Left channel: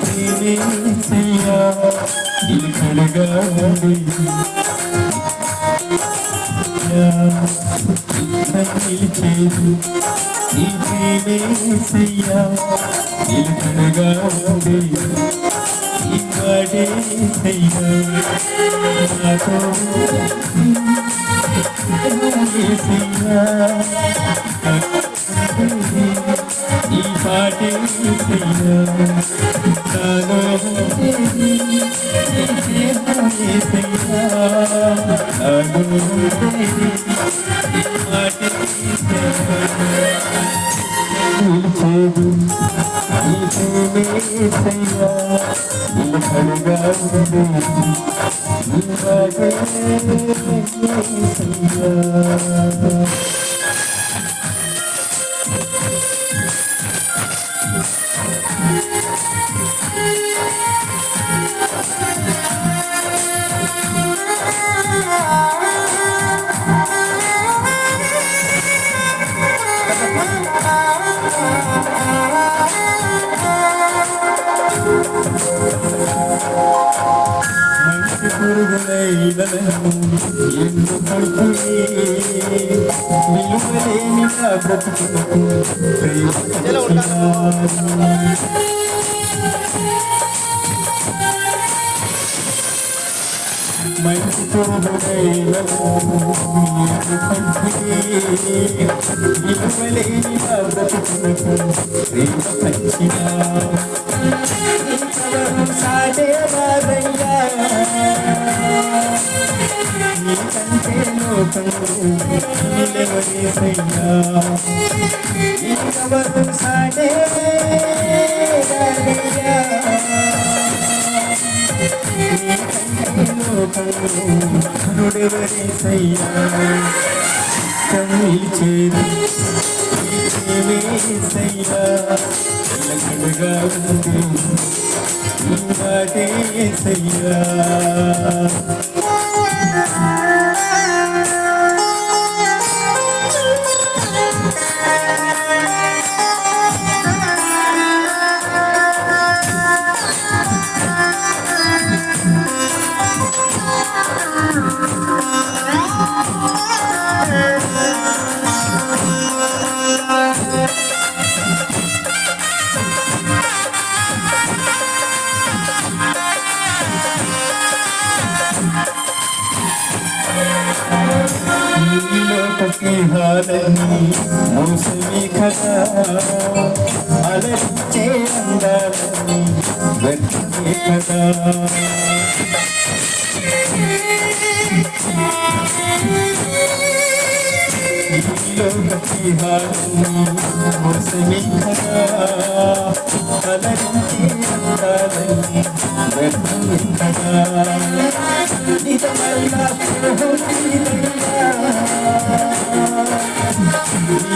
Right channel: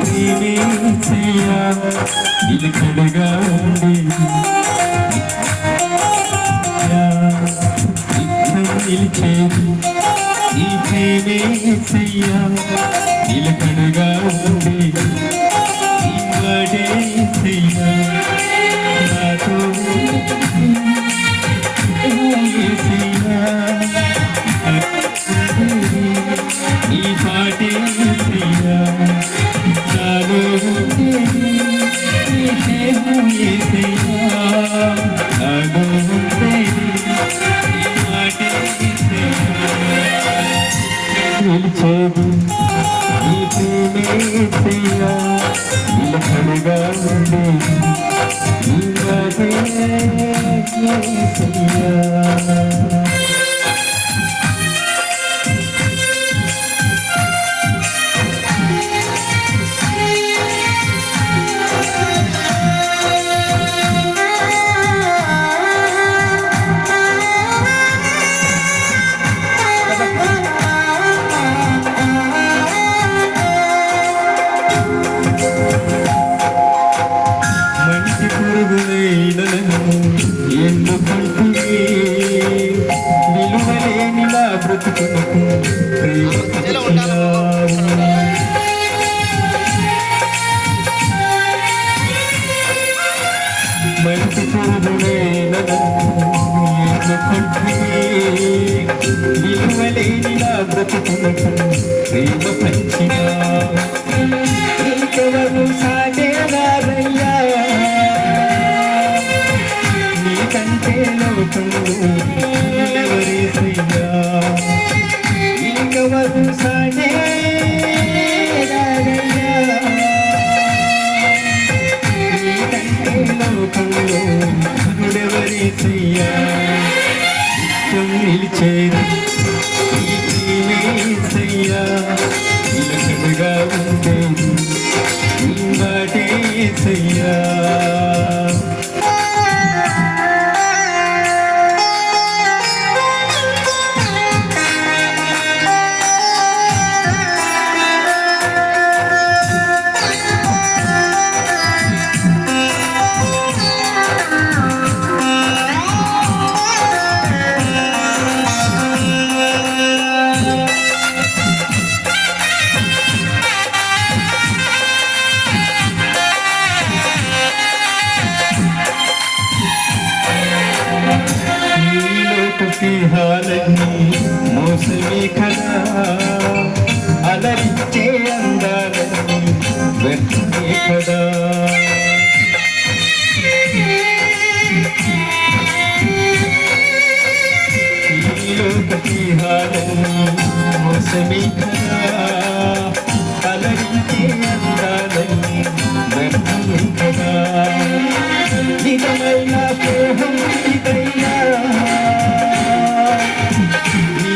ప్రేమేసయ్యా నిలకడగా ఉండి నిత్యం నిలిచేది నీ ప్రేమేసయ్యా నిలకడగా ఉండి వాడేసయ్యా నాతో నిలిచేది నీకునే చెయ్యా నిలకడగా ఉండే నీవే చెయ్యా మంచి పురుగులైడలను ఎందుకంటే విలువలేనిలా బ్రతుకులకు ప్రేమ లేని నా బ్రతుకులకు ప్రేమ పంచినా. నీకంటే లోకంలో ఎవరేసయ్యా ఇంకెవరు సాటేవారయ్యా నీకంటే నిలిచేది నీవేసయ్యా నిలకడగా ఉండేది నీవాడేసయ్యా లోకసిహాలన్నీ మోసమే కదా. అలరించే అందాలని వ్యర్థమే కదా. ఈ లోకసిహాలన్నీ కదా. అలరించే అందాలని వ్యర్థమే కదా. నిజమైన ప్రేమ ఇదైనా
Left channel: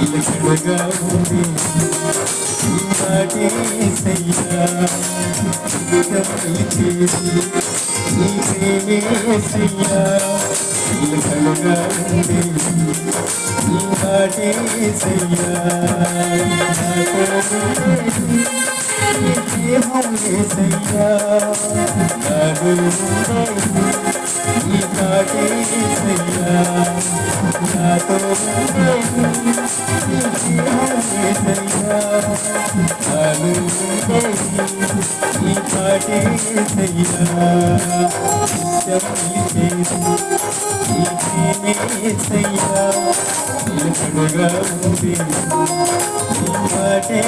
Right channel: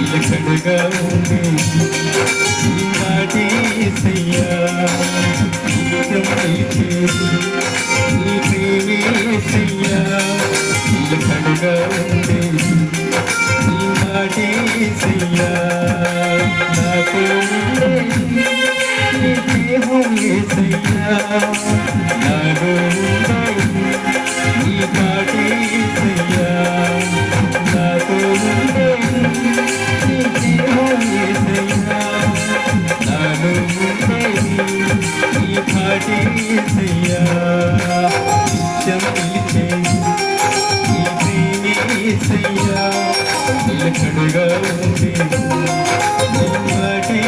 ఇలకడగా ఉంది నాటేసయ్యా నిలిచేది నీ ప్రేమేసయ్యా నిలకడగా ఉండే నీ మాటేసయ్యా నాతో ఉండేది నాలో ఉండేది నిలకడగా ఉంది నీ మాటే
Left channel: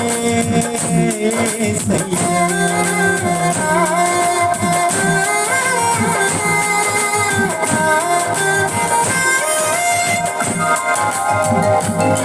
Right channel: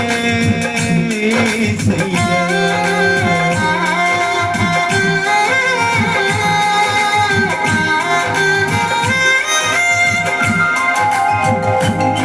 సయ్యా.